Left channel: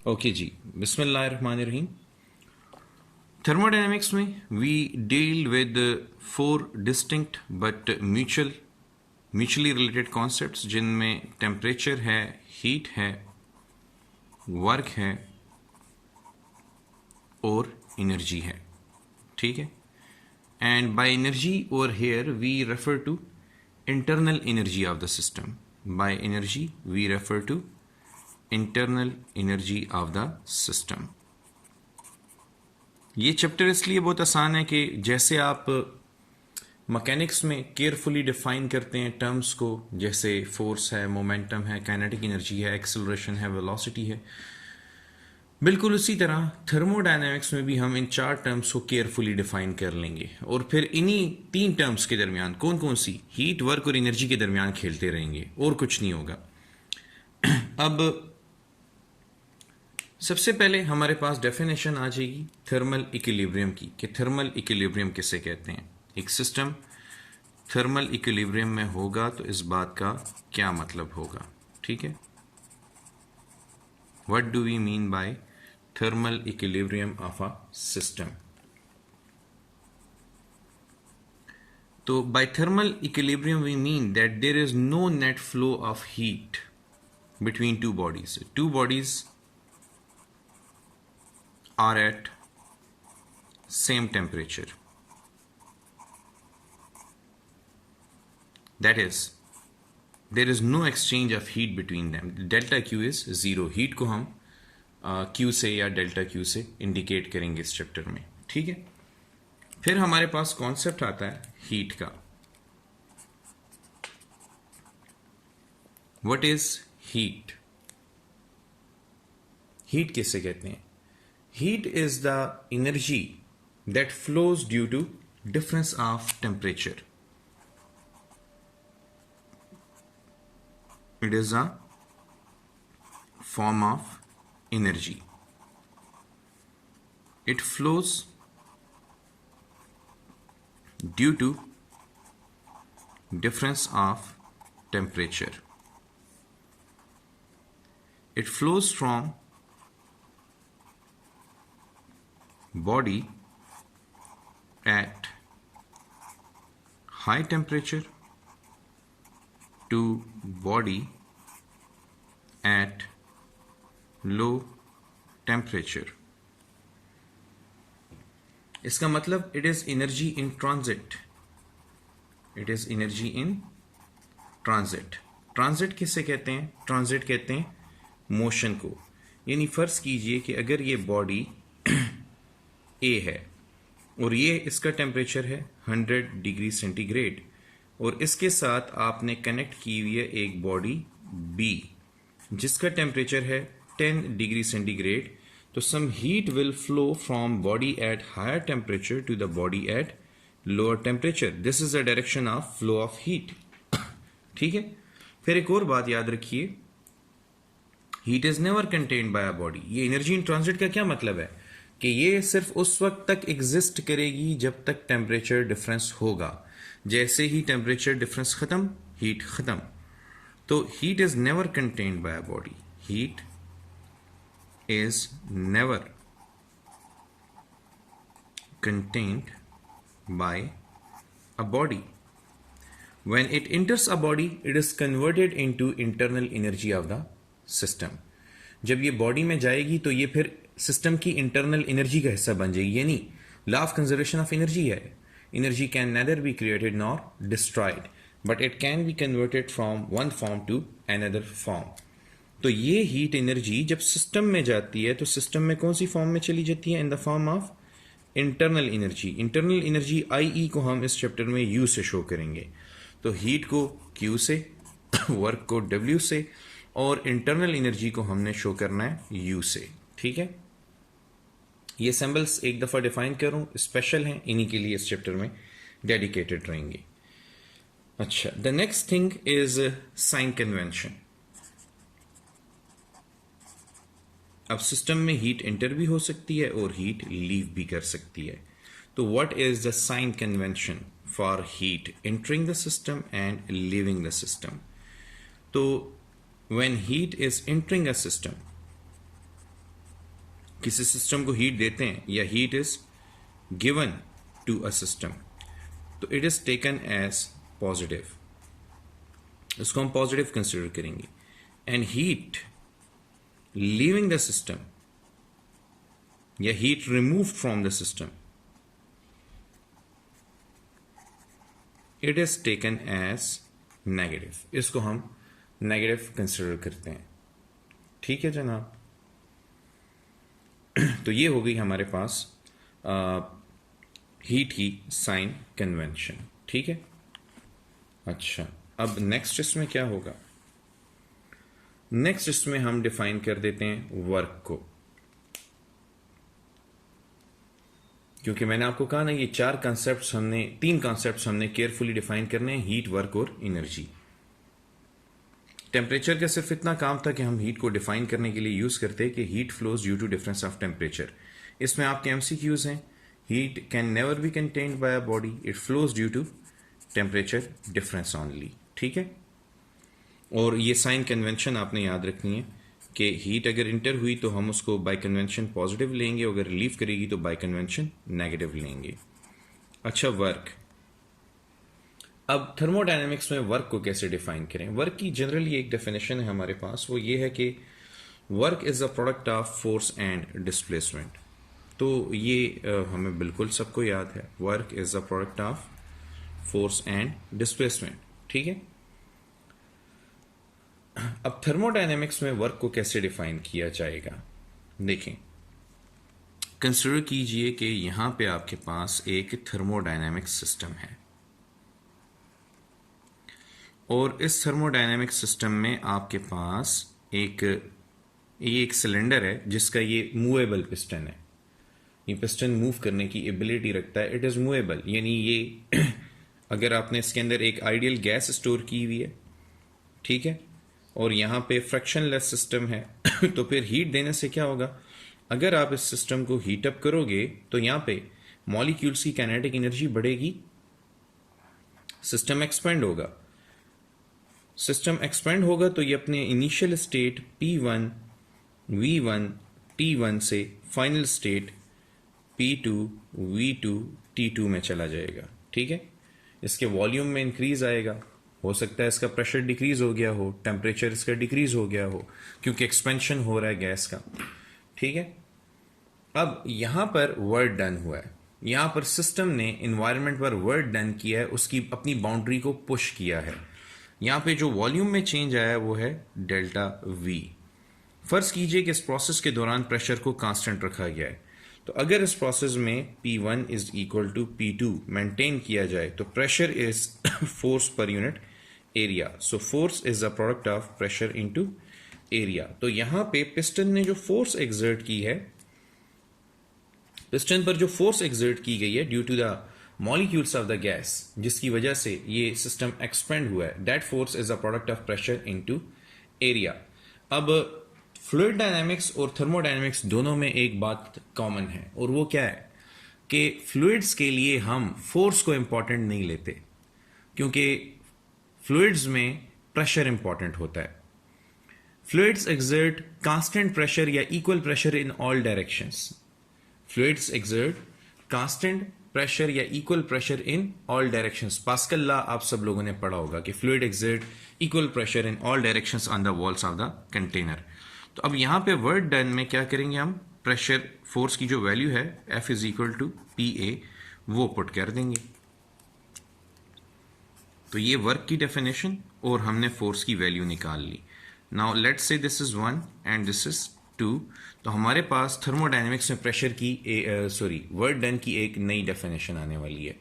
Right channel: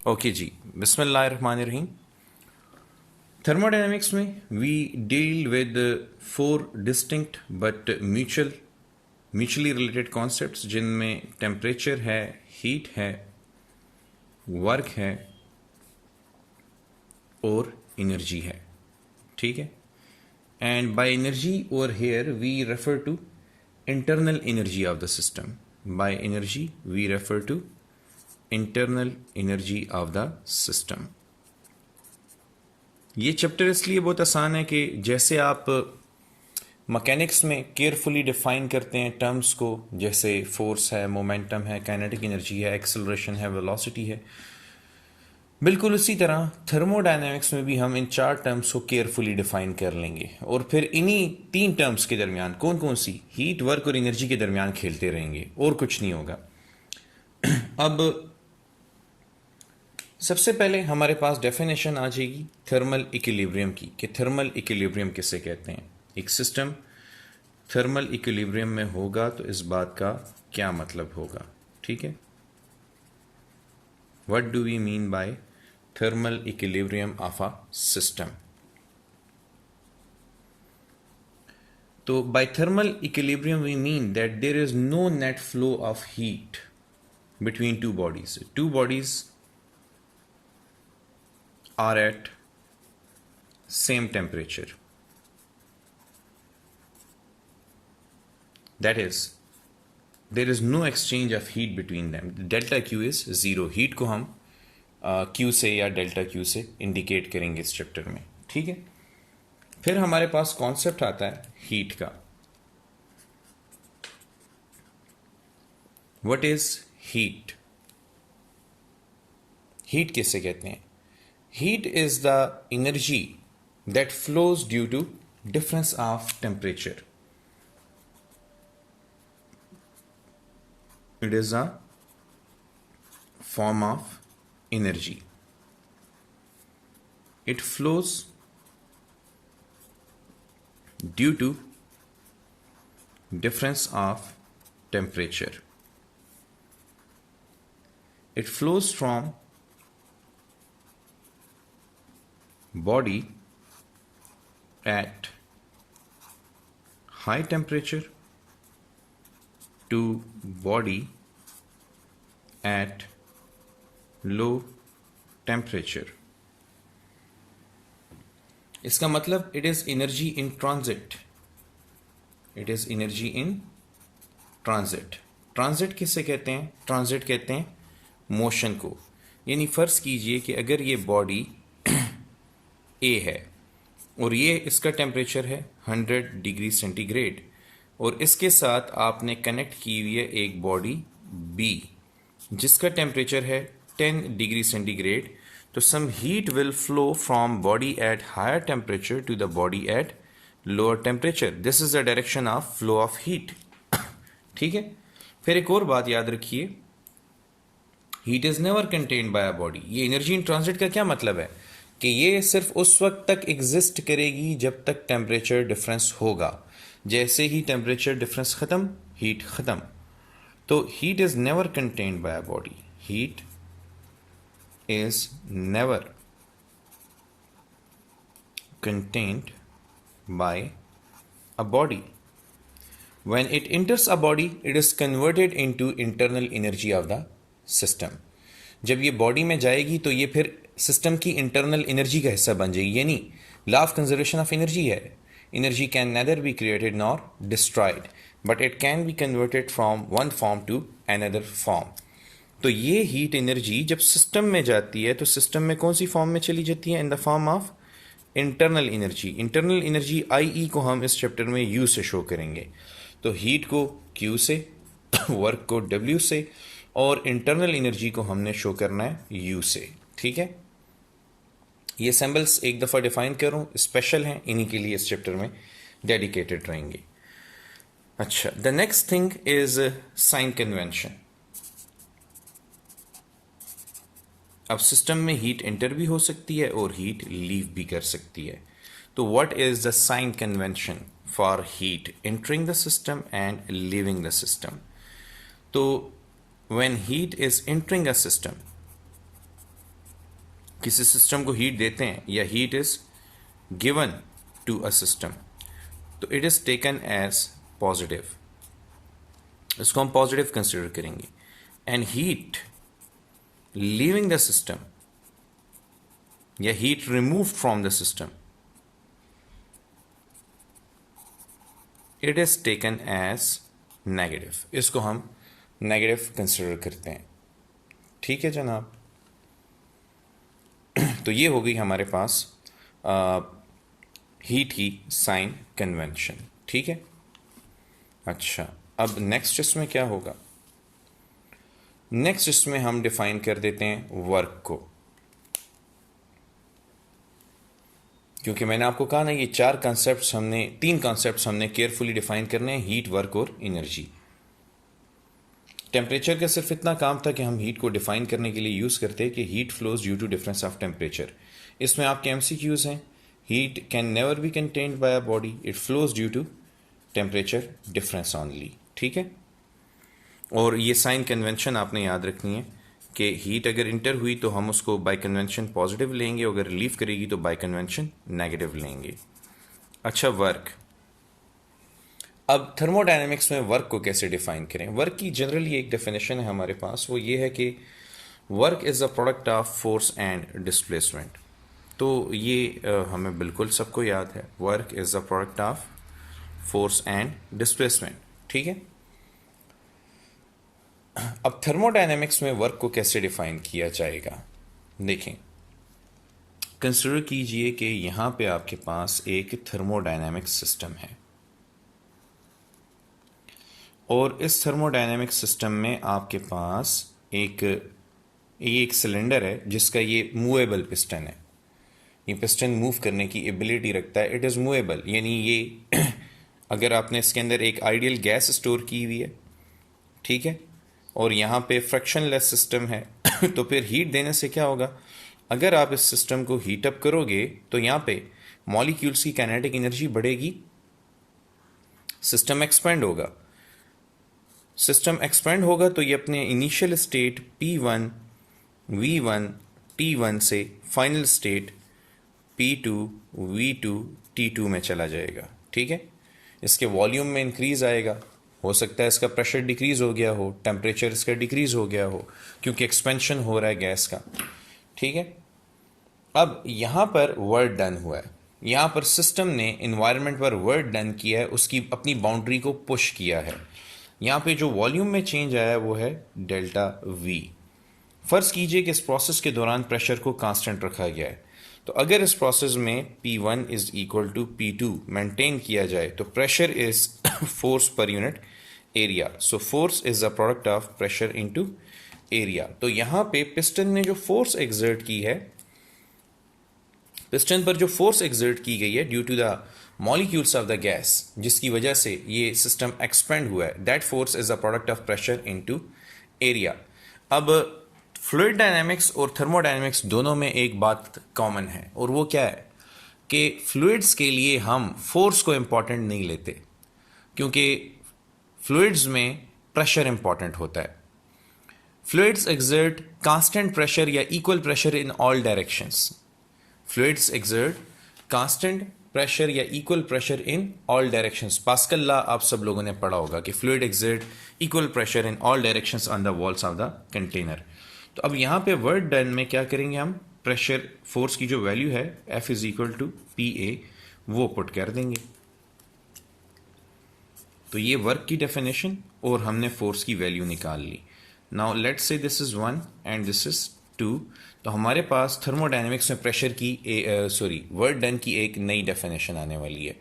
Okay जी, बिस्मिल्लाहिर्रहमानिर्रहीम। Thermodynamics में we deal with four distinct but mutually related concepts, जिनमें temperature है, हीट है, वर्क है और एनर्जी है। ठीक है। And by energy over here we refer to internal energy of the system. By energy we refer to internal energy of the system. ये chapter इसलिए बहुत आसान है कि जैसे आप मैकेनिक्स में केयरफुली डिफाइन करते हैं टर्म्स को, जैसे फोर्स है, मोमेंटम है, काइनेटिक एनर्जी है, एक्सेलरेशन है, वेलोसिटी है, बिल्कुल उसी तरह थर्मोडायनेमिक्स में भी हम इन चार टर्म्स को केयरफुली डिफाइन कर लेंगे और फिर इन्हीं तीन टर्म्स के दरमियान कौन कौन सी, हीट, वर्क और एनर्जी के दरमियान खेलते रहेंगे और कुछ नहीं होगा। अब सबसे पहले हमारे पास डेफिनेशन आ जाएगी थर्मल इक्विलिब्रियम की, कि थर्मल इक्विलिब्रियम किसे कहते हैं। एक सिस्टम थर्मल इक्विलिब्रियम में होगा तो इस बात का क्या मतलब होगा। ठीक है, what do we mean by thermal equilibrium of a system. तो by thermal equilibrium we mean that there is no net flow of heat between two bodies. Two bodies are at same temperature. That is, there is no exchange of heat between them. Delta Q is zero. Heat को हम Q से या delta Q से indicate करेंगे इस chapter में। ठीक है। फिर हमारे पास कॉन्सेप्ट आता है हीट का। What is heat? हीट किसे कहते हैं? Heat is the energy that flows due to difference of temperature. It is a form of energy. It flows due to difference of temperature. It flows from body at high temperature to body at low temperature. इसका मतलब it is energy in transit. It is energy in transit. Transit किससे कहते हैं? Transit कहते हैं motion को। यानी फर्ज कीजिए कि अगर ये बॉडी ए है और ये इसका टेम्परेचर है 100 डिग्री सेंटीग्रेड, और इसके साथ आपने कनेक्ट की हुई है एक बॉडी बी जिसका टेम्परेचर है 10 डिग्री सेंटीग्रेड, तो some heat will flow from body at higher temperature to the body at lower temperature. This is the direction of flow of heat. ठीक है। फिर एक और बात याद रखिए, heat is never contained by a body. ये एनर्जी इन ट्रांजिट का क्या मतलब है कि ये सिर्फ उस वक्त तक एग्जिस्ट करेगी जब तक टेम्परेचर डिफरेंस होगा। जैसे ही टेम्परेचर डिफरेंस खत्म, हीट खत्म। तो heat is never contained by a body. Heat is never contained by a body. When it enters a body, it is converted into internal energy of the system. जब ये body में जाएगी तो ये फिर सिस्टम की इंटरनल एनर्जी का हिस्सा बन जाएगी। यानी law of conservation of energy है, energy can neither be created nor destroyed, but it can be converted from one form to another form. तो ये हीट एनर्जी जब सिस्टम में जाती है तो सिस्टम में कौन सी फॉर्म में चली जाती है? In the form of internal energy. Internal energy I को हम इस चैप्टर में यू से शो करेंगे। तो हीट को Q से, वर्क को W से, और इंटरनल एनर्जी को हमने शो करना है U से। ठीक है। ये सिंबल्स एक दफ़ा डिफाइन करूं, स्पेशल हैं, इन्हीं के लिए इस चैप्टर में डेडिकेटेड रहेंगे। अच्छा, the next thing is sine convention. अब सिस्टम में हीट एंटर भी हो सकती है और हीट लीव भी कर सकती है। तो what is the sign convention for heat entering the system and leaving the system? So when heat is entering a system, किसी सिस्टम को हीट देते हैं या heat is given to a system, तो it is taken as positive, इसको हम positive consider करेंगे। And heat leaving the system या heat remove from the system, it is taken as negative, इसको हम नेगेटिव कंसिडर करते हैं। ठीक है जनाब, तो ये हो गई हमारे पास हीट की साइन कन्वेंशन। ठीक है, अच्छा अब नेक्स्ट इसमें क्या होगा, नेक्स्ट इसमें हम डिफाइन कर देते हैं वर्क को, क्योंकि मैंने आपको कहा ना ये तीन कॉन्सेप्ट्स हमने केयरफुली डिफाइन करने हैं, हीट, वर्क और एनर्जी। टेम्परेचर का सिर्फ इतना काम था कि हम हीट को डिफाइन करने के लिए यूज करते हैं कि heat flows due to difference of temperature. इसमें आपके एमसीक्यूज हैं, heat can never be contained by a body, it flows due to temperature difference only. ठीक है, और ये साइन कन्वेंशन आपने याद रखनी है कि हीट अगर इंटर हुई तो हम उसको बाय कन्वेंशन पॉजिटिव लेंगे, अगर लीव करेगी तो बाय कन्वेंशन नेगेटिव लेंगे। अच्छा वर्क, अब थर्मोडायनेमिक्स में वर्क को कैसे डिफाइन करें। वर्क की जनरली एक डेफिनेशन है हमारे पास, वो ये है कि work is a product of force and displacement. तो ये हमें बिल्कुल सबको याद है, work is a product of force and displacement. ठीक है, अब थर्मोडायनेमिक्स में वर्क को कैसे डिफाइन किया जाएगा, देखें, कंसिडर कीजिए कि यहां पे आपके पास एक थर्मोडायनेमिक सिस्टम है और इस थर्मोडायनेमिक सिस्टम में आपके पास एक सिलेंडर है जिसका ये मूवेबल पिस्टन है। ये पिस्टन मूव करने की एबिलिटी रखता है, इट इज मूवेबल, यानी ये अगर आपने इसके अंदर एक आइडियल गैस स्टोर की हुई है, ठीक है, और यहाँ पे फ्रिक्शनलेस सिस्टम है तो फिर हीट देने से क्या होगा, अगर आप इस सिस्टम को हीट अप करोगे तो यहाँ पे मॉलिक्यूल्स की काइनेटिक एनर्जी बढ़ेगी, सिस्टम एक्सपेंड होगा। सिस्टम एक्सपेंड होगा तो ये अपने initial state P1, V1, T1 से final state P2, V2, T2 में चला जाएगा। ठीक है, इसके वॉल्यूम में इंक्रीज आएगा, हो सकता है इसका प्रेशर डिक्रीज हो गया हो, टेम्परेचर इसका डिक्रीज हो गया हो, क्योंकि एक्सपेंशन हो रहा है गैस का। ठीक है, अब यहां पर वर्क डन हुआ है, यहां पर सिस्टम ने इन्वायरमेंट पर वर्क डन किया है, उसकी अपनी बाउंड्री को पुश किया है। यहां पे जो वॉल्यूम में चेंज आया है वो है डेल्टा V। फर्ज कीजिए कि इस प्रोसेस के दौरान प्रेशर को कांस्टेंट रखा गया है, तो अगर इस प्रोसेस में P1 is equal to P2 maintain किया जाए तो pressure is force per unit area, so force is a product of pressure into area. तो यहां पे पिस्टन ने जो फोर्स एक्सर्ट की है, पिस्टन पर जो फोर्स एक्सर्ट की गई है due to the molecules of the gas, जिसकी वजह से ये सिस्टम एक्सपेंड हुआ है, that force is a product of pressure into area. अब फ्लूइड डायनामिक्स और थर्मोडायनामिक्स दोनों में एक बात कॉमन है, और वो क्या है कि फ्लूइड्स के लिए हम फोर्स को इंपॉर्टेंट नहीं लेते, क्योंकि फ्लूइड्स में प्रेशर इंपॉर्टेंट होता है। फ्लूइड्स एक्सर्ट कांस्टेंट प्रेशर या equal pressure in all directions. Fluids exert constant pressure या equal pressure in all directions. Pascal law आप सब लोगों ने पढ़ा होगा कि fluid exert equal pressure in all directions on the walls of the container. तो अब यहां पे वर्क डन में क्या करेंगे हम, प्रेशर फोर्स की जो वैल्यू है F is equal to PA वो पुट कर देंगे। तो ये वर्क की डेफिनेशन और हमने फोर्स की वैल्यू निकाल ली। Now let's say this is 1 and this is 2। तो हमारे पास थर्मोडायनेमिक्स में प्रेशर की वर्क डन की एक नई डेफिनेशन आने वाली है,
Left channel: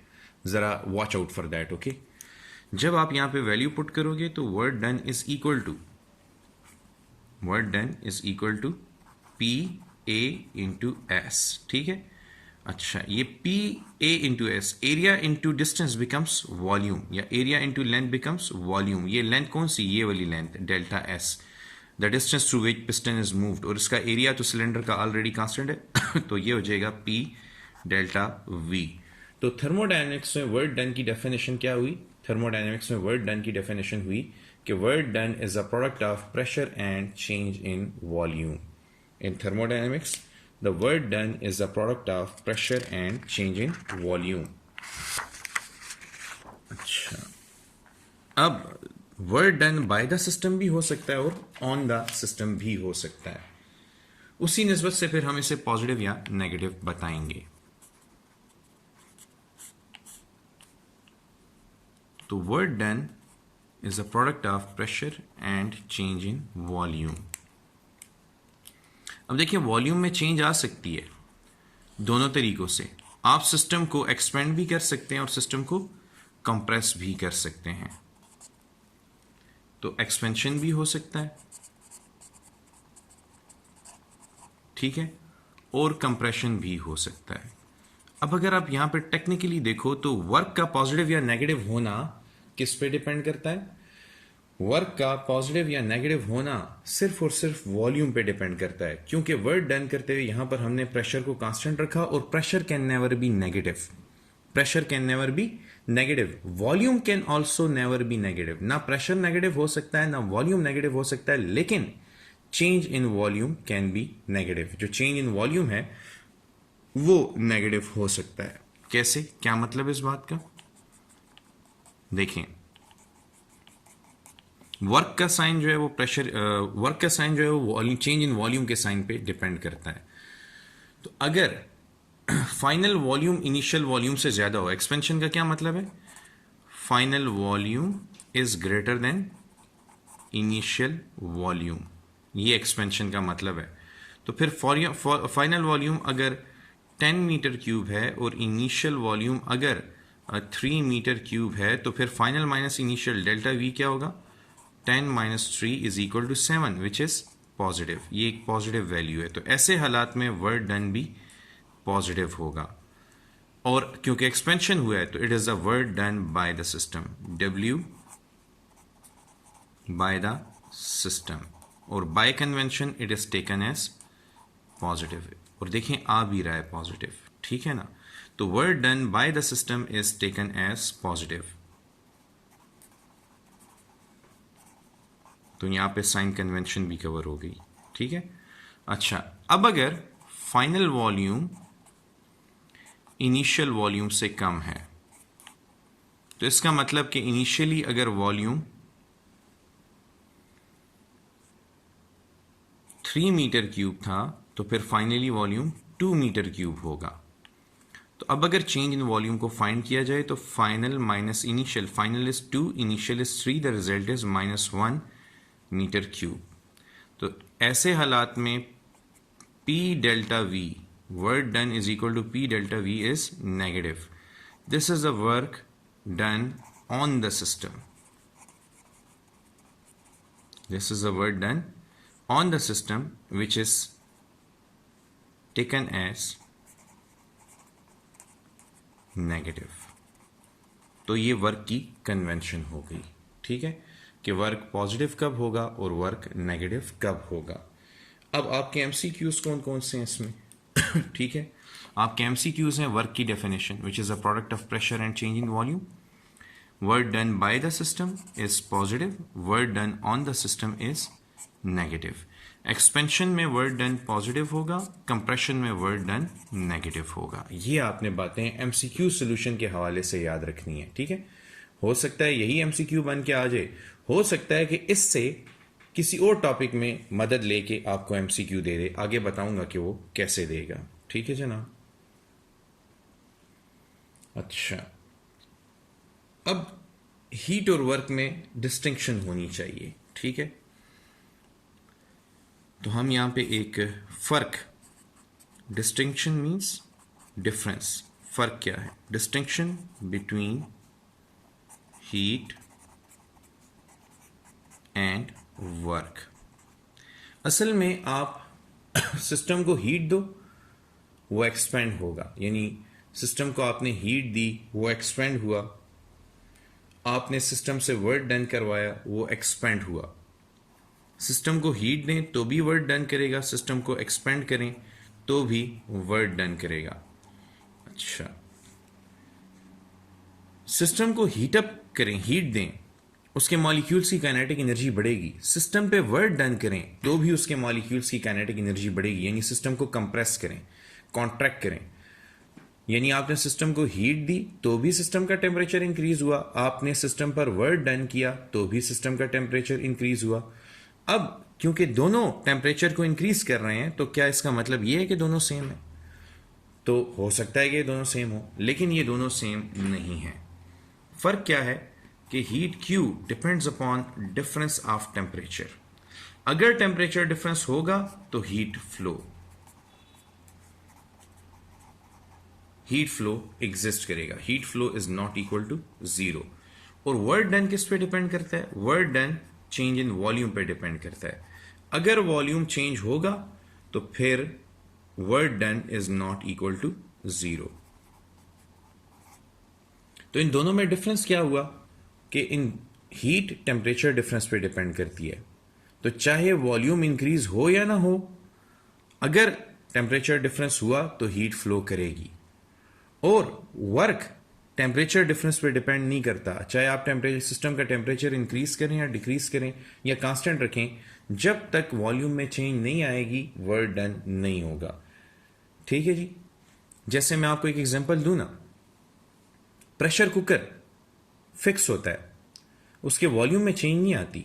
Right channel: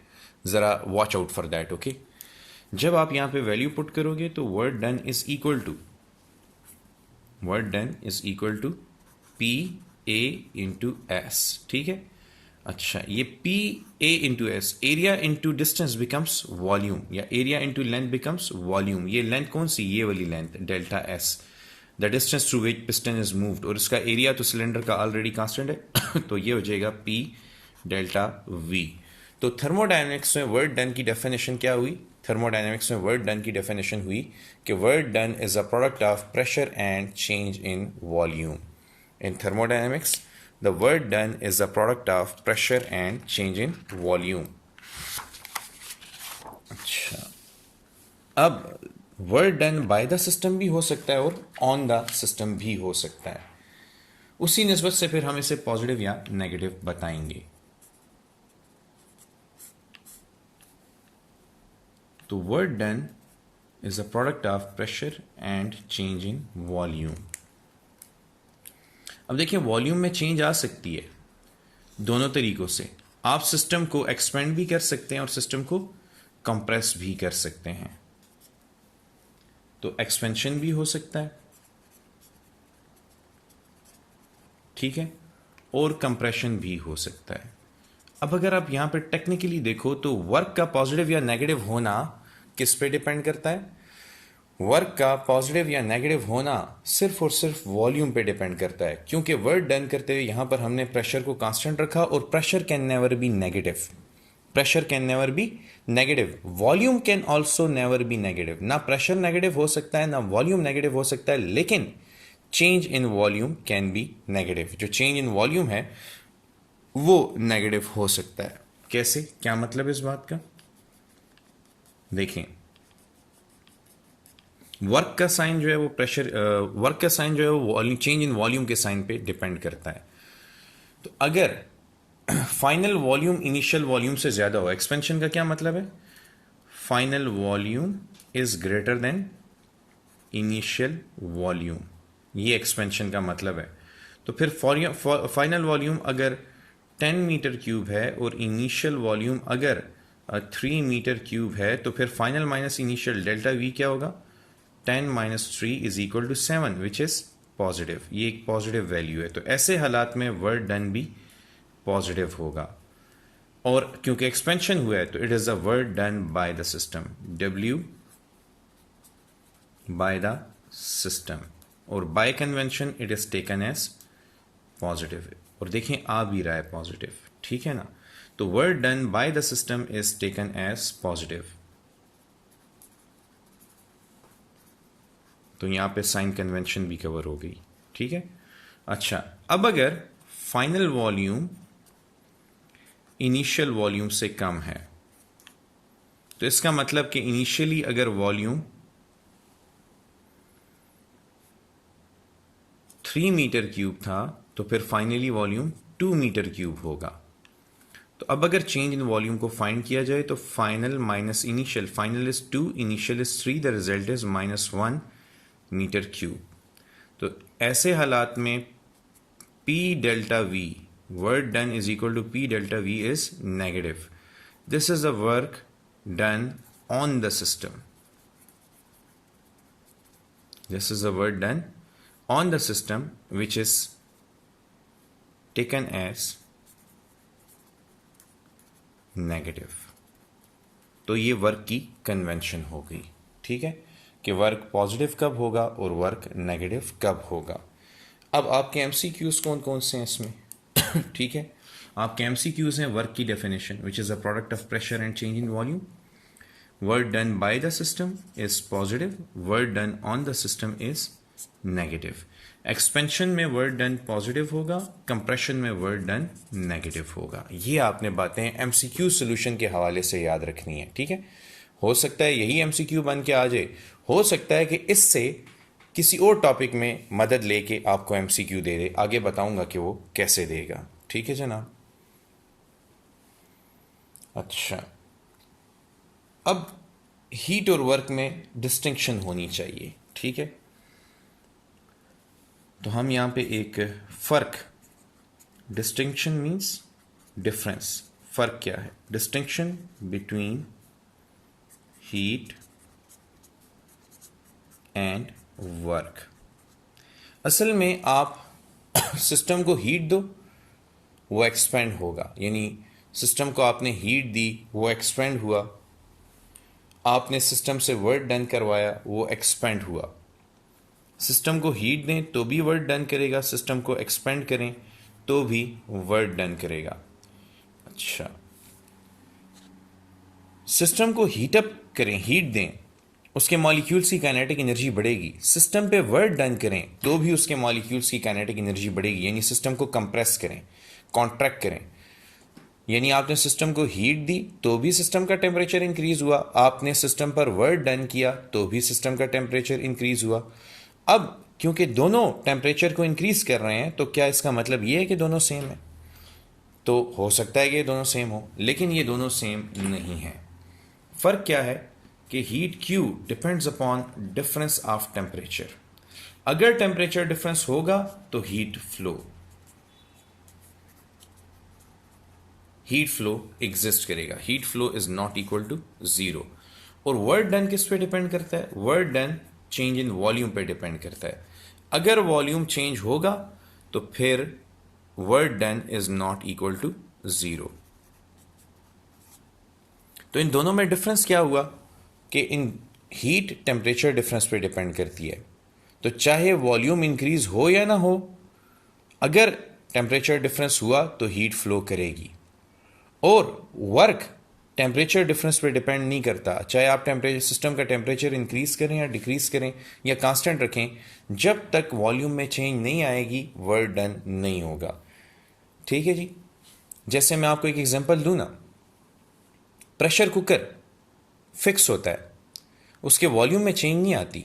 जरा watch out for that. Okay, जब आप यहां पे वैल्यू पुट करोगे तो work done is equal to P A into S. ठीक है, अच्छा ये P A into S, area into distance becomes volume, या area into length becomes volume. ये लेंथ कौन सी, ये वाली length delta S, the distance through which piston is moved, और इसका एरिया तो सिलेंडर का ऑलरेडी कांस्टेंट है तो ये हो जाएगा पी डेल्टा वी। तो थर्मोडायनेमिक्स में वर्क डन की डेफिनेशन क्या हुई, थर्मोडायनेमिक्स में वर्क डन की डेफिनेशन हुई कि work done is a product of pressure and change in volume. In thermodynamics the work done is the product of pressure and change in volume. अच्छा, अब work done by the system भी हो सकता है और on the system भी हो सकता है। उसी निस्बत से फिर हम इसे पॉजिटिव या नेगेटिव बताएंगे। तो work done is a product of pressure and change in volume. अब देखिए, वॉल्यूम में चेंज आ सकती है दोनों तरीकों से। आप सिस्टम को एक्सपेंड भी कर सकते हैं और सिस्टम को कंप्रेस भी कर सकते हैं। तो एक्सपेंशन भी हो सकता है, ठीक है, और कंप्रेशन भी हो सकता है। अब अगर आप यहां पे टेक्निकली देखो तो वर्क का पॉजिटिव या नेगेटिव होना किस पे डिपेंड करता है? वर्क का पॉजिटिव या नेगेटिव होना सिर्फ और सिर्फ वॉल्यूम पे डिपेंड करता है, क्योंकि वर्क डन करते हुए यहां पर हमने प्रेशर को कांस्टेंट रखा और pressure can never B negative. Pressure can never B negative, volume can also never be negative. ना प्रेशर नेगेटिव हो सकता है ना वॉल्यूम नेगेटिव हो सकता है, लेकिन change in volume can be negative. जो चेंज इन वॉल्यूम है वो नेगेटिव हो सकता है। कैसे, क्या मतलब इस बात का? देखें, वर्क का साइन जो है वो प्रेशर, वर्क का साइन जो है वो वॉल्यूम, चेंज इन वॉल्यूम के साइन पे डिपेंड करता है। तो अगर फाइनल वॉल्यूम इनिशियल वॉल्यूम से ज्यादा हो, एक्सपेंशन का क्या मतलब है? Final volume is greater than initial volume, ये एक्सपेंशन का मतलब है। तो फिर फाइनल वॉल्यूम अगर 10 मीटर क्यूब है और इनिशियल वॉल्यूम अगर 3 मीटर क्यूब है, तो फिर final minus initial delta V क्या होगा? 10 minus 3 is equal to 7, which is positive. ये एक पॉजिटिव वैल्यू है। तो ऐसे हालात में वर्क डन भी पॉजिटिव होगा। और क्योंकि एक्सपेंशन हुआ है तो it is the work done by the system, W by the system, और by convention it is taken as positive. और देखें, आ भी रहा है पॉजिटिव, ठीक है ना? तो work done by the system is taken as positive. तो यहां पे साइन कन्वेंशन भी कवर हो गई, ठीक है। अच्छा, अब अगर फाइनल वॉल्यूम इनिशियल वॉल्यूम से कम है, तो इसका मतलब कि इनिशियली अगर वॉल्यूम 3 मीटर क्यूब था तो फिर फाइनली वॉल्यूम 2 मीटर क्यूब होगा। तो अब अगर चेंज इन वॉल्यूम को फाइंड किया जाए तो final minus initial, final is 2, initial is 3, the result is -1 metre cube. तो ऐसे हालात में P delta V, work done is equal to P delta V is negative. This is the work done on the system, this is the work done on the system which is taken as negative। तो ये work की convention हो गई, ठीक है, कि work positive कब होगा और वर्क नेगेटिव कब होगा। अब आपके एमसीक्यूज कौन कौन से हैं इसमें? ठीक है, आपके एमसीक्यूज हैं वर्क की definition which is a product of pressure and change in volume, work done by the system is positive, work done on the system is negative. Expansion में वर्क डन पॉजिटिव होगा, compression में work done negative होगा। ये आपने बातें MCQ solution के हवाले से याद रखनी है, ठीक है। हो सकता है यही एमसीक्यू बन के आ जाए, हो सकता है कि इससे किसी और टॉपिक में मदद लेके आपको एमसीक्यू दे दे, आगे बताऊंगा कि वो कैसे देगा, ठीक है जनाब। अच्छा, अब हीट और वर्क में डिस्टिंक्शन होनी चाहिए, ठीक है। तो हम यहां पे एक फर्क, डिस्टिंक्शन मींस डिफरेंस, फर्क क्या है? Distinction between heat and work. असल में आप सिस्टम को हीट दो वो एक्सपेंड होगा, यानी सिस्टम को आपने हीट दी वो एक्सपेंड हुआ, आपने सिस्टम से वर्क डन करवाया वो एक्सपेंड हुआ। सिस्टम को हीट दें तो भी वर्क डन करेगा, सिस्टम को एक्सपेंड करें तो भी वर्क डन करेगा। अच्छा, सिस्टम को हीट अप करें, हीट दें, उसके मॉलिक्यूल्स की काइनेटिक एनर्जी बढ़ेगी। सिस्टम पे वर्क डन करें तो भी उसके मॉलिक्यूल्स की काइनेटिक एनर्जी बढ़ेगी, यानी सिस्टम को कंप्रेस करें, कॉन्ट्रैक्ट करें। यानी आपने सिस्टम को हीट दी तो भी सिस्टम का टेम्परेचर इंक्रीज हुआ, आपने सिस्टम पर वर्क डन किया तो भी सिस्टम का टेम्परेचर इंक्रीज हुआ। अब क्योंकि दोनों टेम्परेचर को इंक्रीज कर रहे हैं तो क्या इसका मतलब यह है कि दोनों सेम है? तो हो सकता है कि ये दोनों सेम हो, लेकिन ये दोनों सेम नहीं है। फर्क क्या है कि heat Q depends upon difference of temperature. अगर टेम्परेचर डिफरेंस होगा तो हीट फ्लो एग्जिस्ट करेगा। Heat flow is not equal to zero. और वर्क डन किस पे डिपेंड करता है? Work done change in volume पे डिपेंड करता है। अगर वॉल्यूम चेंज होगा तो फिर work done is not equal to zero. तो इन दोनों में डिफरेंस क्या हुआ कि इन हीट टेम्परेचर डिफरेंस पे डिपेंड करती है। तो चाहे वॉल्यूम इंक्रीज हो या ना हो, अगर टेम्परेचर डिफरेंस हुआ तो हीट फ्लो करेगी। और वर्क टेम्परेचर डिफरेंस पे डिपेंड नहीं करता, चाहे आप टेम्परेचर सिस्टम का टेम्परेचर इंक्रीज करें या डिक्रीज करें या कांस्टेंट रखें, जब तक वॉल्यूम में चेंज नहीं आएगी वर्क डन नहीं होगा। ठीक है जी। जैसे मैं आपको एक एग्जांपल दूं ना, प्रेशर कुकर फिक्स होता है, उसके वॉल्यूम में चेंज नहीं आती,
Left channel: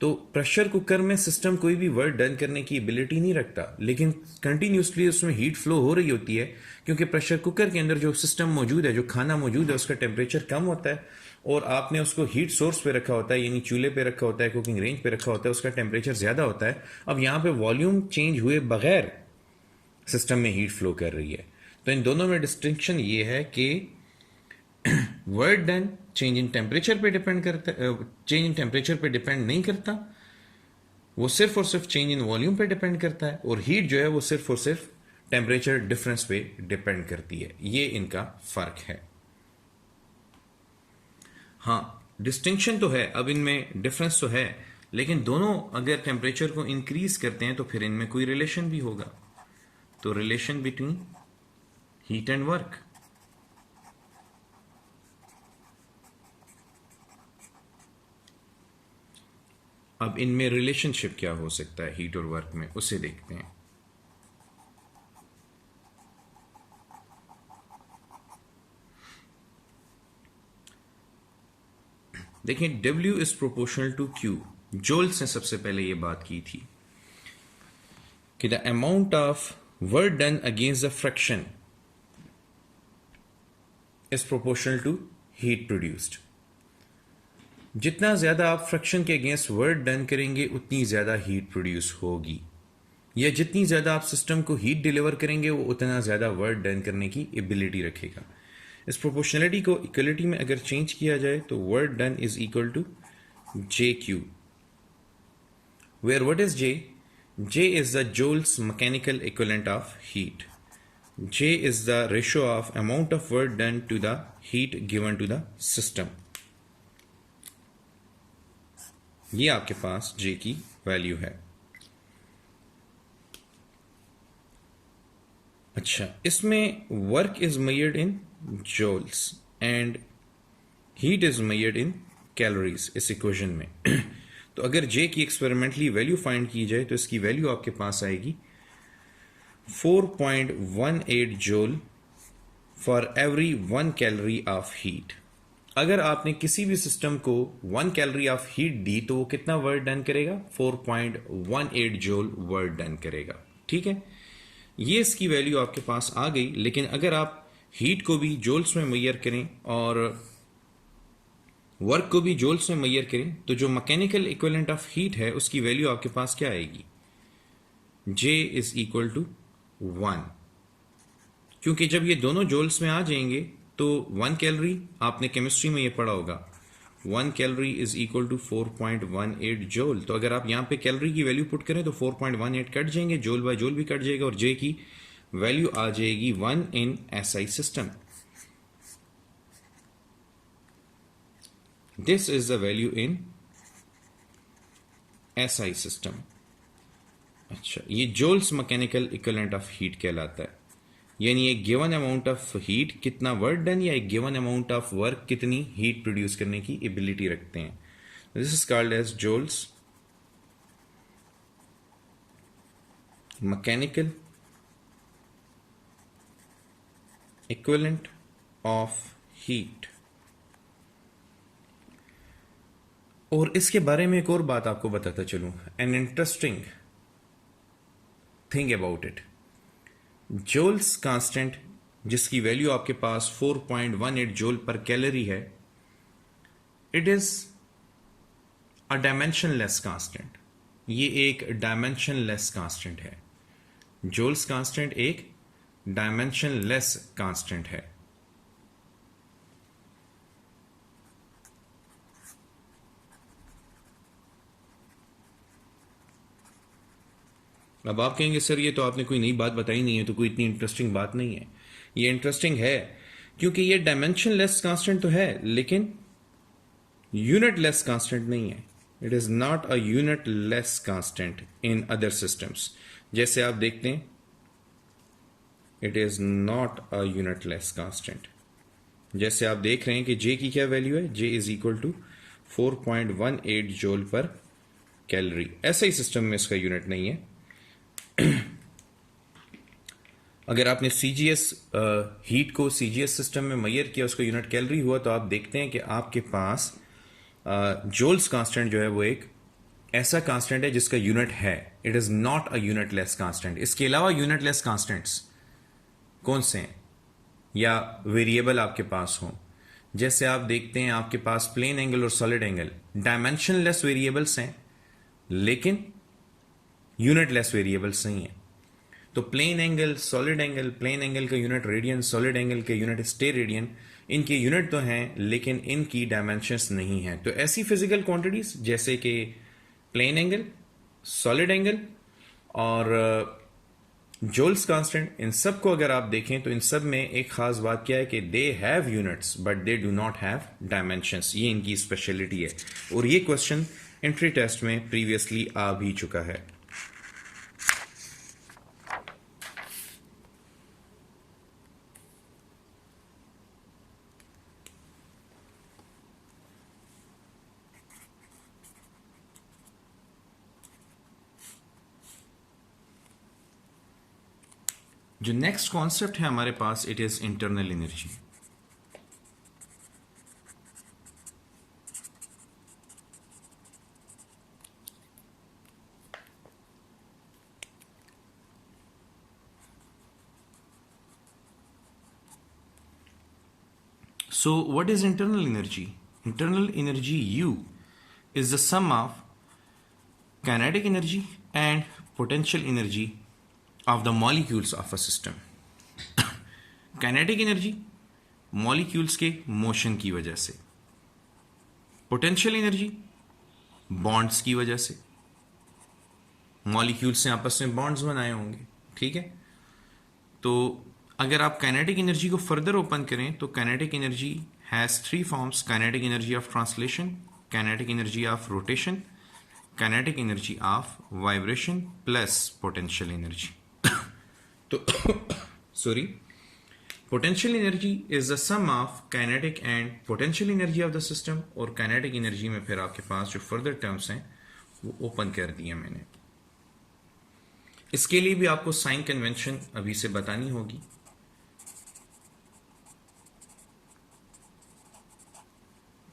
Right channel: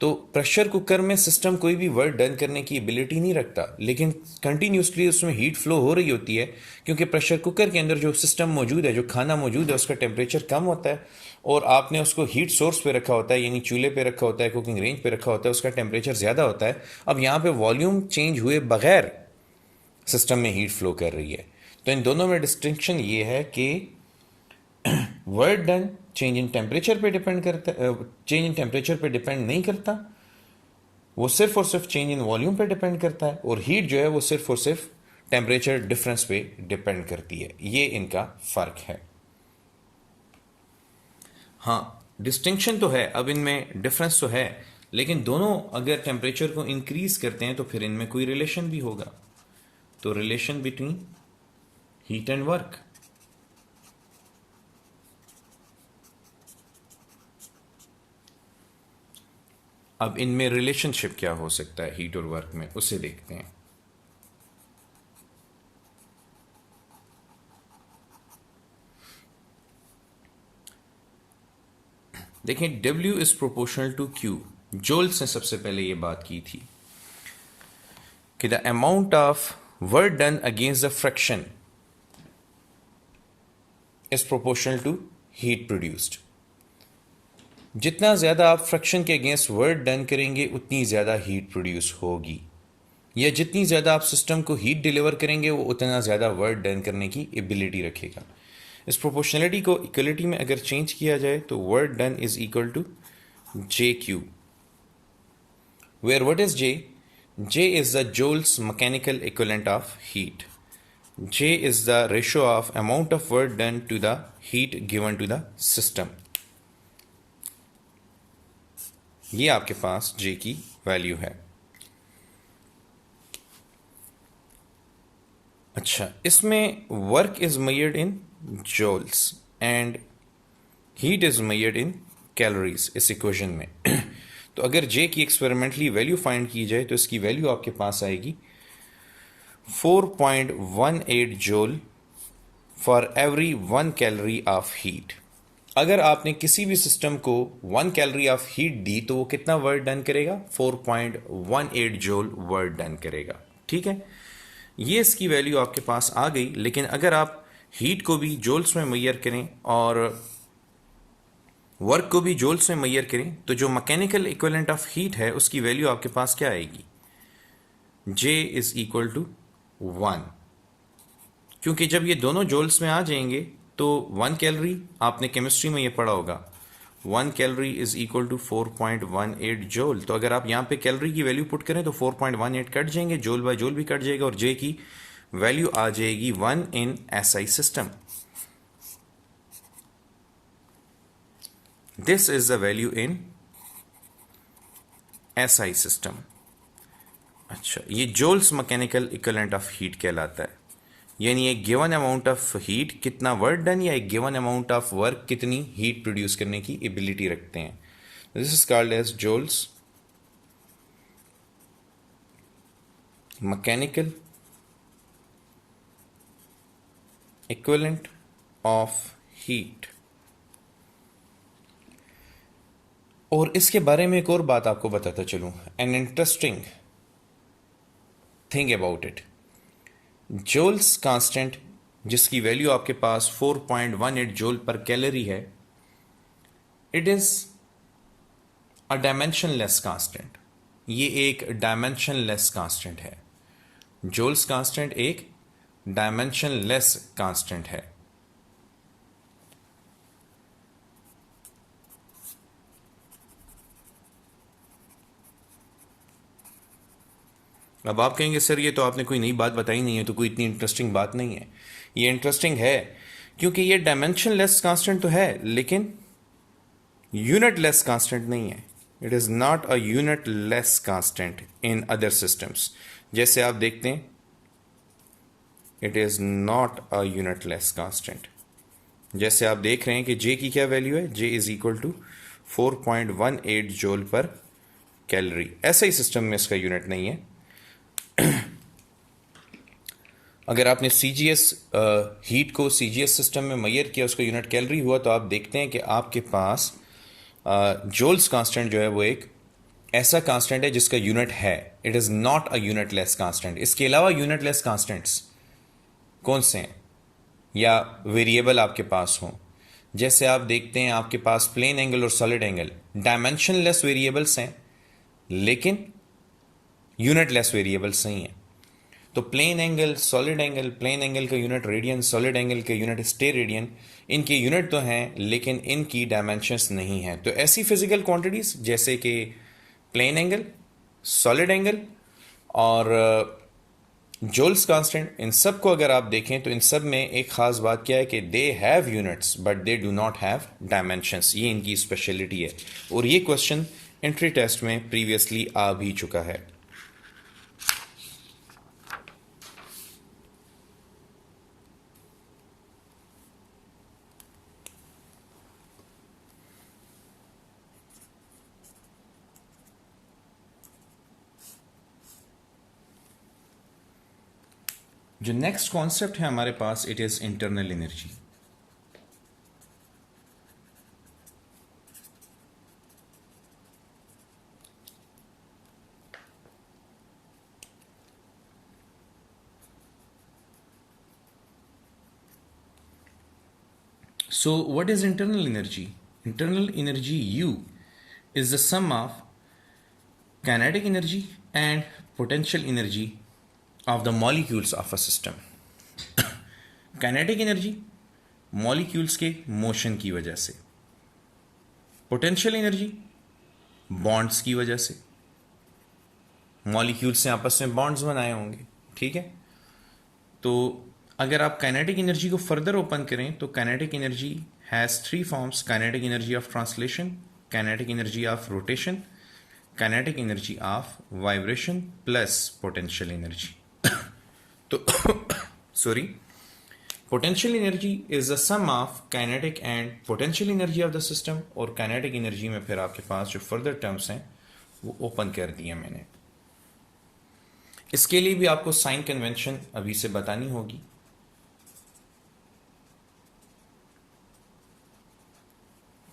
तो प्रेशर कुकर में सिस्टम कोई भी वर्क डन करने की एबिलिटी नहीं रखता, लेकिन कंटिन्यूसली उसमें हीट फ्लो हो रही होती है, क्योंकि प्रेशर कुकर के अंदर जो सिस्टम मौजूद है, जो खाना मौजूद है, उसका टेम्परेचर कम होता है और आपने उसको हीट सोर्स पे रखा होता है, यानी चूल्हे पे रखा होता है, कुकिंग रेंज पे रखा होता है, उसका टेम्परेचर ज़्यादा होता है। अब यहाँ पे वॉल्यूम चेंज हुए बगैर सिस्टम में हीट फ्लो कर रही है। तो इन दोनों में डिस्टिंक्शन ये है कि work done change in temperature पे डिपेंड करता है, चेंज इन टेम्परेचर पे डिपेंड नहीं करता, वो सिर्फ और सिर्फ चेंज इन वॉल्यूम पे डिपेंड करता है। और हीट जो है वो सिर्फ और सिर्फ टेम्परेचर डिफरेंस पे डिपेंड करती है। ये इनका फर्क है। हाँ, डिस्टिंक्शन तो है, अब इनमें डिफरेंस तो है, लेकिन दोनों अगर टेम्परेचर को इंक्रीज करते हैं तो फिर इनमें कोई रिलेशन भी होगा। तो relation between heat and work. अब इनमें रिलेशनशिप क्या हो सकता है हीट और वर्क में, उसे देखते हैं। देखिए, W is proportional to Q। Joules ने सबसे पहले यह बात की थी कि the amount of work done against the friction is proportional to heat produced. जितना ज्यादा आप फ्रिक्शन के अगेंस्ट वर्क डन करेंगे उतनी ज्यादा हीट प्रोड्यूस होगी, या जितनी ज्यादा आप सिस्टम को हीट डिलीवर करेंगे वो उतना ज्यादा वर्क डन करने की एबिलिटी रखेगा। इस प्रोपोर्शनलिटी को इक्वलिटी में अगर चेंज किया जाए तो work done is equal to J Q, where what is J? J is the Joule's mechanical equivalent of heat. J is the ratio of amount of work done to the heat given to the system. ये आपके पास J की value है। अच्छा, इसमें work is measured in joules and heat is measured in calories इस equation में। तो अगर जे की एक्सपेरिमेंटली वैल्यू फाइंड की जाए तो इसकी वैल्यू आपके पास आएगी 4.18 joule for every 1 calorie of heat. अगर आपने किसी भी सिस्टम को 1 कैलोरी ऑफ हीट दी तो वो कितना वर्क डन करेगा? 4.18 जूल वर्क डन करेगा। ठीक है, ये इसकी वैल्यू आपके पास आ गई। लेकिन अगर आप हीट को भी जूल्स में मेजर करें और वर्क को भी जूल्स में मेजर करें तो जो मैकेनिकल इक्विवेलेंट ऑफ हीट है उसकी वैल्यू आपके पास क्या आएगी? J is equal to 1। क्योंकि जब ये दोनों जूल्स में आ जाएंगे तो 1 कैलोरी, आपने केमिस्ट्री में ये पढ़ा होगा, 1 calorie is equal to 4.18 joule. तो अगर आप यहाँ पे कैलोरी की वैल्यू पुट करें तो 4.18 कट जाएंगे, जूल बाय जूल भी कट जाएगा, और जे की वैल्यू आ जाएगी 1 in SI system. This is the value in SI system. अच्छा, ये Joule's mechanical equivalent of heat कहलाता है, यानी एक गिवन अमाउंट ऑफ हीट कितना वर्क डन या एक गिवन अमाउंट ऑफ वर्क कितनी हीट प्रोड्यूस करने की एबिलिटी रखते हैं। This is called as Joule's mechanical equivalent of heat. और इसके बारे में एक और बात आपको बताता चलूं, an interesting thing about it. जोल्स constant, जिसकी वैल्यू आपके पास 4.18 जोल पर कैलोरी है, it is a dimensionless constant. ये एक डायमेंशनलेस कांस्टेंट है. जोल्स कांस्टेंट एक डायमेंशनलेस कांस्टेंट है. अब आप कहेंगे सर ये तो आपने कोई नई बात बताई नहीं है, तो कोई इतनी इंटरेस्टिंग बात नहीं है. ये इंटरेस्टिंग है क्योंकि ये डायमेंशनलेस कांस्टेंट तो है, लेकिन यूनिटलेस कांस्टेंट नहीं है. It is not a unitless constant in other systems. जैसे आप देखते हैं, it is not a unitless constant. जैसे आप देख रहे हैं कि जे की क्या वैल्यू है, जे इज इक्वल टू 4.18 जोल पर कैलोरी. ऐसा ही सिस्टम में इसका यूनिट नहीं है. अगर आपने सीजीएस हीट को सीजीएस सिस्टम में मेजर किया, उसका यूनिट कैलोरी हुआ, तो आप देखते हैं कि आपके पास जोल्स कांस्टेंट जो है वो एक ऐसा कांस्टेंट है जिसका यूनिट है. It is not a unitless constant. इसके अलावा यूनिटलेस कांस्टेंट्स कौन से हैं या वेरिएबल आपके पास हों, जैसे आप देखते हैं आपके पास प्लेन एंगल और सॉलिड एंगल डायमेंशनलेस वेरिएबल्स हैं, लेकिन यूनिटलेस वेरिएबल्स नहीं है. तो plane angle, solid angle, plane angle का यूनिट रेडियन, सॉलिड एंगल के यूनिट स्टे रेडियन, इनके यूनिट तो हैं लेकिन इनकी डायमेंशंस नहीं हैं. तो ऐसी फिजिकल क्वांटिटीज जैसे कि प्लेन एंगल, सॉलिड एंगल और जोल्स कांस्टेंट, इन सब को अगर आप देखें तो इन सब में एक खास बात क्या है कि they have units but they do not have dimensions. ये इनकी स्पेशलिटी है. और ये क्वेश्चन एंट्री टेस्ट में प्रीवियसली आ भी चुका है. जो नेक्स्ट कॉन्सेप्ट है हमारे पास, it is internal energy. So what is internal energy? Internal energy U is the sum of kinetic energy and potential energy of the molecules of a system. Kinetic energy molecules के motion की वजह से, potential energy bonds की वजह से. Molecules से आपस में बॉन्ड्स बनाए होंगे, ठीक है. तो अगर आप काइनेटिक एनर्जी को फर्दर ओपन करें तो kinetic energy has 3 forms: kinetic energy of translation, kinetic energy of rotation, kinetic energy of vibration plus potential energy. तो sorry, potential energy is the sum of kinetic and potential energy of the system. और काइनेटिक एनर्जी में फिर आपके पास जो further terms हैं वो ओपन कर दिए मैंने. इसके लिए भी आपको साइन कन्वेंशन अभी से बतानी होगी.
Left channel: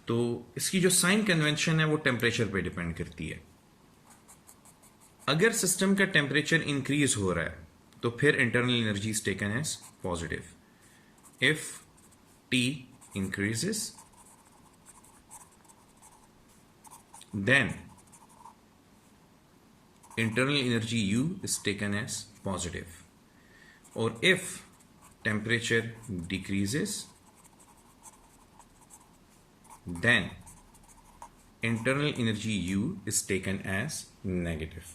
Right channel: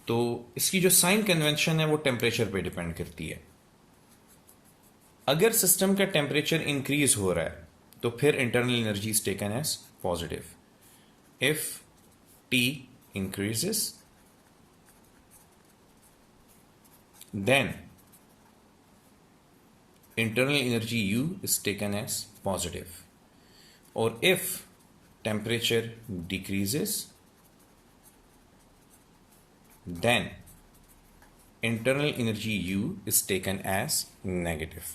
तो इसकी जो साइन कन्वेंशन है वो टेम्परेचर पे डिपेंड करती है. अगर सिस्टम का टेम्परेचर इंक्रीज हो रहा है तो फिर internal energy is taken as positive. If T increases then internal energy U is taken as positive. Or if temperature decreases, then internal energy U is taken as negative.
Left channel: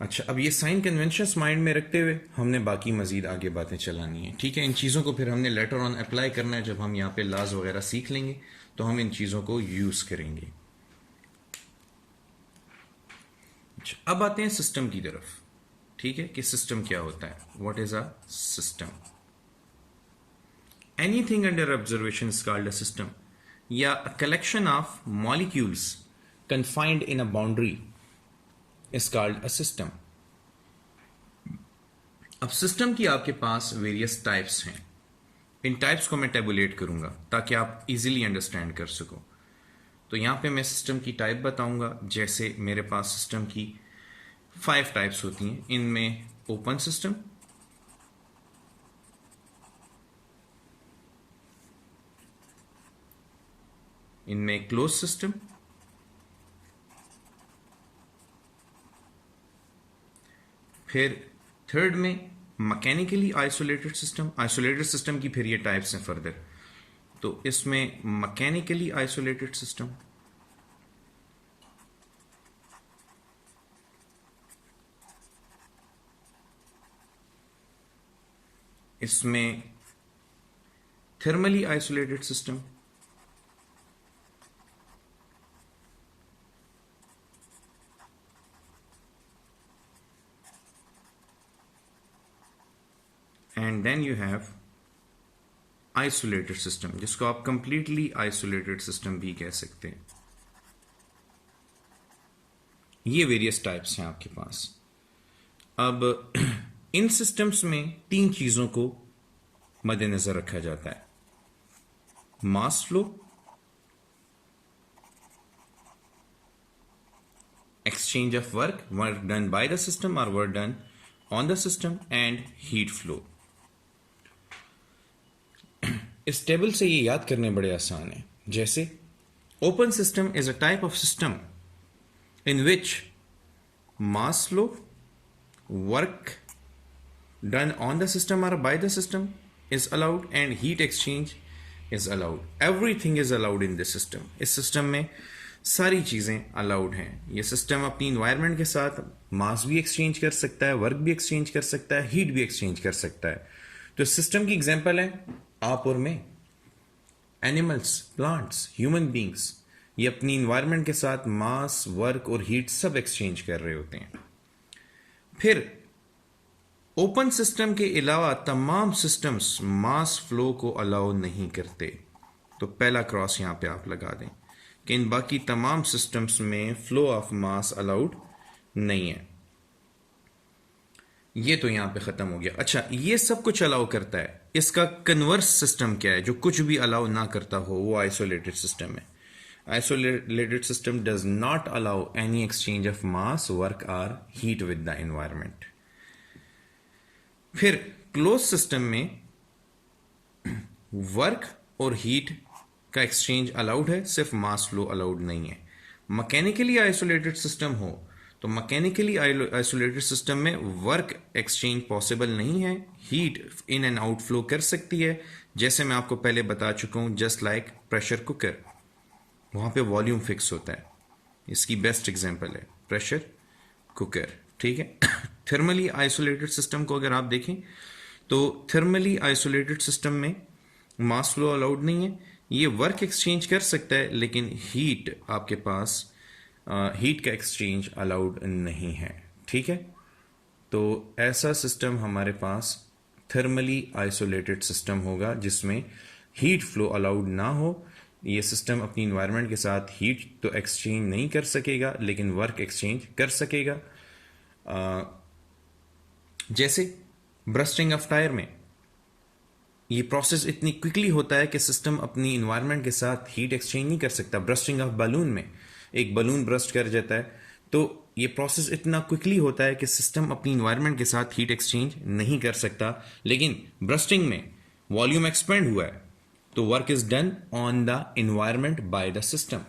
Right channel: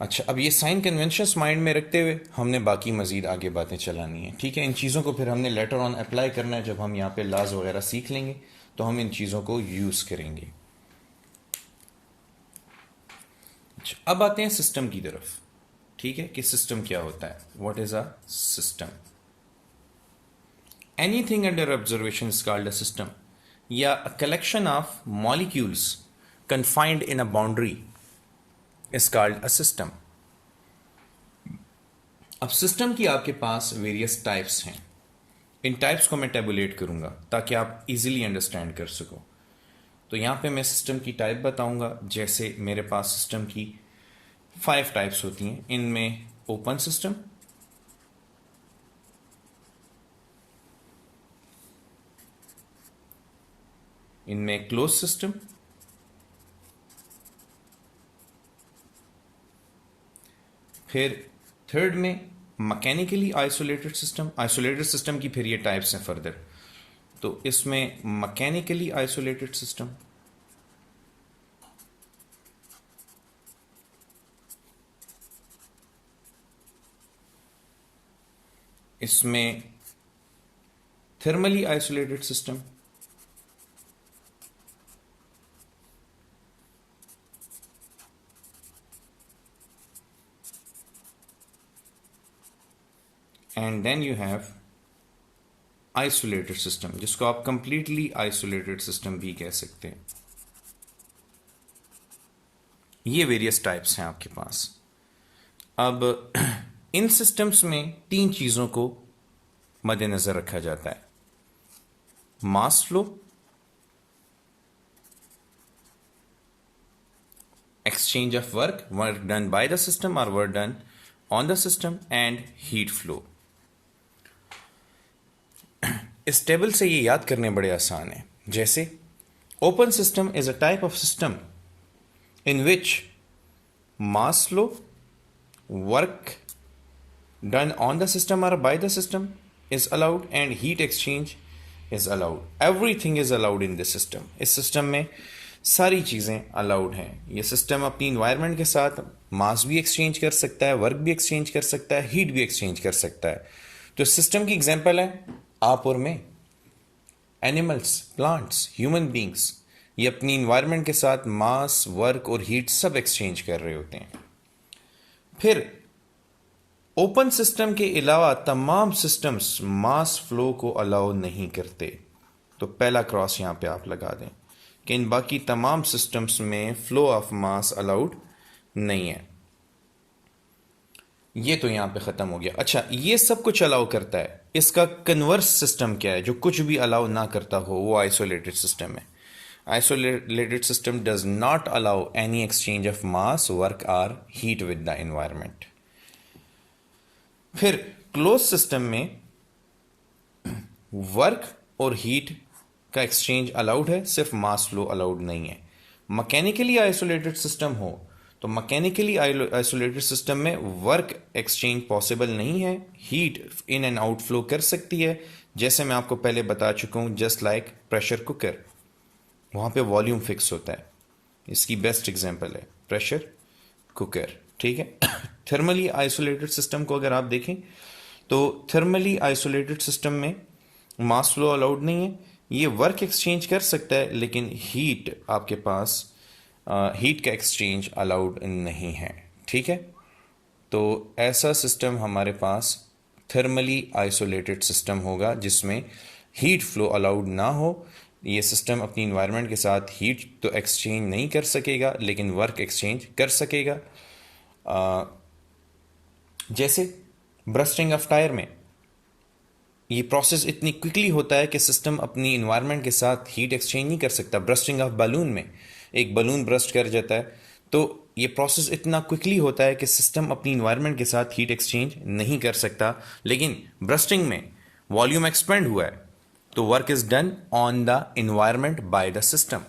अच्छा, अब ये sign conventions mind में रखते हुए हमने बाकी मजीद आगे बातें चलानी है, ठीक है. इन चीज़ों को फिर हमने लेटर ऑन अप्लाई करना है. जब हम यहाँ पे लॉज वगैरह सीख लेंगे तो हम इन चीज़ों को यूज़ करेंगे. अच्छा, अब आते हैं सिस्टम की तरफ, ठीक है, कि सिस्टम क्या होता है. What is a system? Anything under observation is called a system. या a collection of molecules confined in a boundary is called a system. अब सिस्टम की आपके पास वेरियस टाइप्स हैं. इन टाइप्स को मैं टेबुलेट करूंगा ताकि आप इजीली अंडरस्टैंड कर सको. तो यहां पे मैं सिस्टम की टाइप बताऊंगा. जैसे मेरे पास सिस्टम की 5 टाइप्स होती हैं. इनमें ओपन सिस्टम, इनमें क्लोज सिस्टम, फिर थर्ड में mechanically isolated system. Isolated system की फिर ये टाइप्स हैं फर्दर. तो इसमें मैकेनिकली आइसोलेटेड सिस्टम, इसमें thermally isolated system, and then you have isolated system, जिसको आप कंप्लीटली आइसोलेटेड सिस्टम भी कह सकते हैं. ये वेरियस टाइप्स हैं आपके पास. अब इन सिस्टम्स में 3 चीजों को मद्देनजर रखा जाता है. Mass flow, exchange of work done by the system or work done on the system, and heat flow. इस टेबल से ये याद करने बड़े आसान है. जैसे open system is a type of system in which mass flow, work done on the system और by the system is allowed and heat exchange is allowed. Everything is allowed in this system. इस system में सारी चीजें allowed हैं. ये system अपनी environment के साथ मास भी एक्सचेंज कर सकता है, वर्क भी एक्सचेंज कर सकता है, हीट भी एक्सचेंज कर सकता है. तो सिस्टम की एग्जांपल है आप और मैं. एनिमल्स, प्लांट्स, ह्यूमन बींग्स, ये अपनी इन्वायरमेंट के साथ मास, वर्क और हीट सब एक्सचेंज कर रहे होते हैं. फिर ओपन सिस्टम के अलावा तमाम सिस्टम्स मास फ्लो को अलाउ नहीं करते. तो पहला क्रॉस यहां पे आप लगा दें कि इन बाकी तमाम सिस्टम्स में फ्लो ऑफ मास अलाउड नहीं है. ये तो यहां पे खत्म हो गया. अच्छा, ये सब कुछ अलाउ करता है. इसका कन्वर्स सिस्टम क्या है? जो कुछ भी अलाउ ना करता हो वो आइसोलेटेड सिस्टम है. Isolated system does not allow any exchange of mass, work और हीट विद द एनवायरमेंट. फिर क्लोज सिस्टम में वर्क और हीट का एक्सचेंज अलाउड है, सिर्फ मास फ्लो अलाउड नहीं है. मैकेनिकली आइसोलेटेड सिस्टम हो तो मैकेनिकली आइसोलेटेड सिस्टम में वर्क एक्सचेंज पॉसिबल नहीं है. Heat in and out flow कर सकती है, जैसे मैं आपको पहले बता चुका हूं. जस्ट लाइक प्रेशर कुकर, वहां पे वॉल्यूम फिक्स होता है. इसकी बेस्ट एग्जांपल है प्रेशर कुकर. ठीक है. थर्मली आइसोलेटेड सिस्टम को अगर आप देखें तो थर्मली आइसोलेटेड सिस्टम में मास फ्लो अलाउड नहीं है. ये वर्क एक्सचेंज कर सकता है लेकिन हीट आपके पास हीट का एक्सचेंज अलाउड नहीं है. ठीक है. तो ऐसा सिस्टम हमारे पास थर्मली आइसोलेटेड सिस्टम होगा जिसमें हीट फ्लो अलाउड ना हो. ये सिस्टम अपनी इन्वायरमेंट के साथ हीट तो एक्सचेंज नहीं कर सकेगा लेकिन वर्क एक्सचेंज कर सकेगा. जैसे ब्रस्टिंग ऑफ टायर में ये प्रोसेस इतनी क्विकली होता है कि सिस्टम अपनी इन्वायरमेंट के साथ हीट एक्सचेंज नहीं कर सकता. ब्रस्टिंग ऑफ बलून में एक बलून ब्रस्ट कर जाता है तो ये प्रोसेस इतना क्विकली होता है कि सिस्टम अपनी इन्वायरमेंट के साथ हीट एक्सचेंज नहीं कर सकता. लेकिन ब्रस्टिंग में वॉल्यूम एक्सपेंड हुआ है तो work is done on the environment bye the system.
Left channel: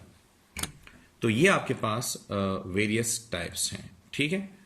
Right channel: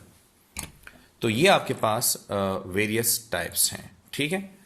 तो ये आपके पास वेरियस टाइप्स हैं. ठीक है.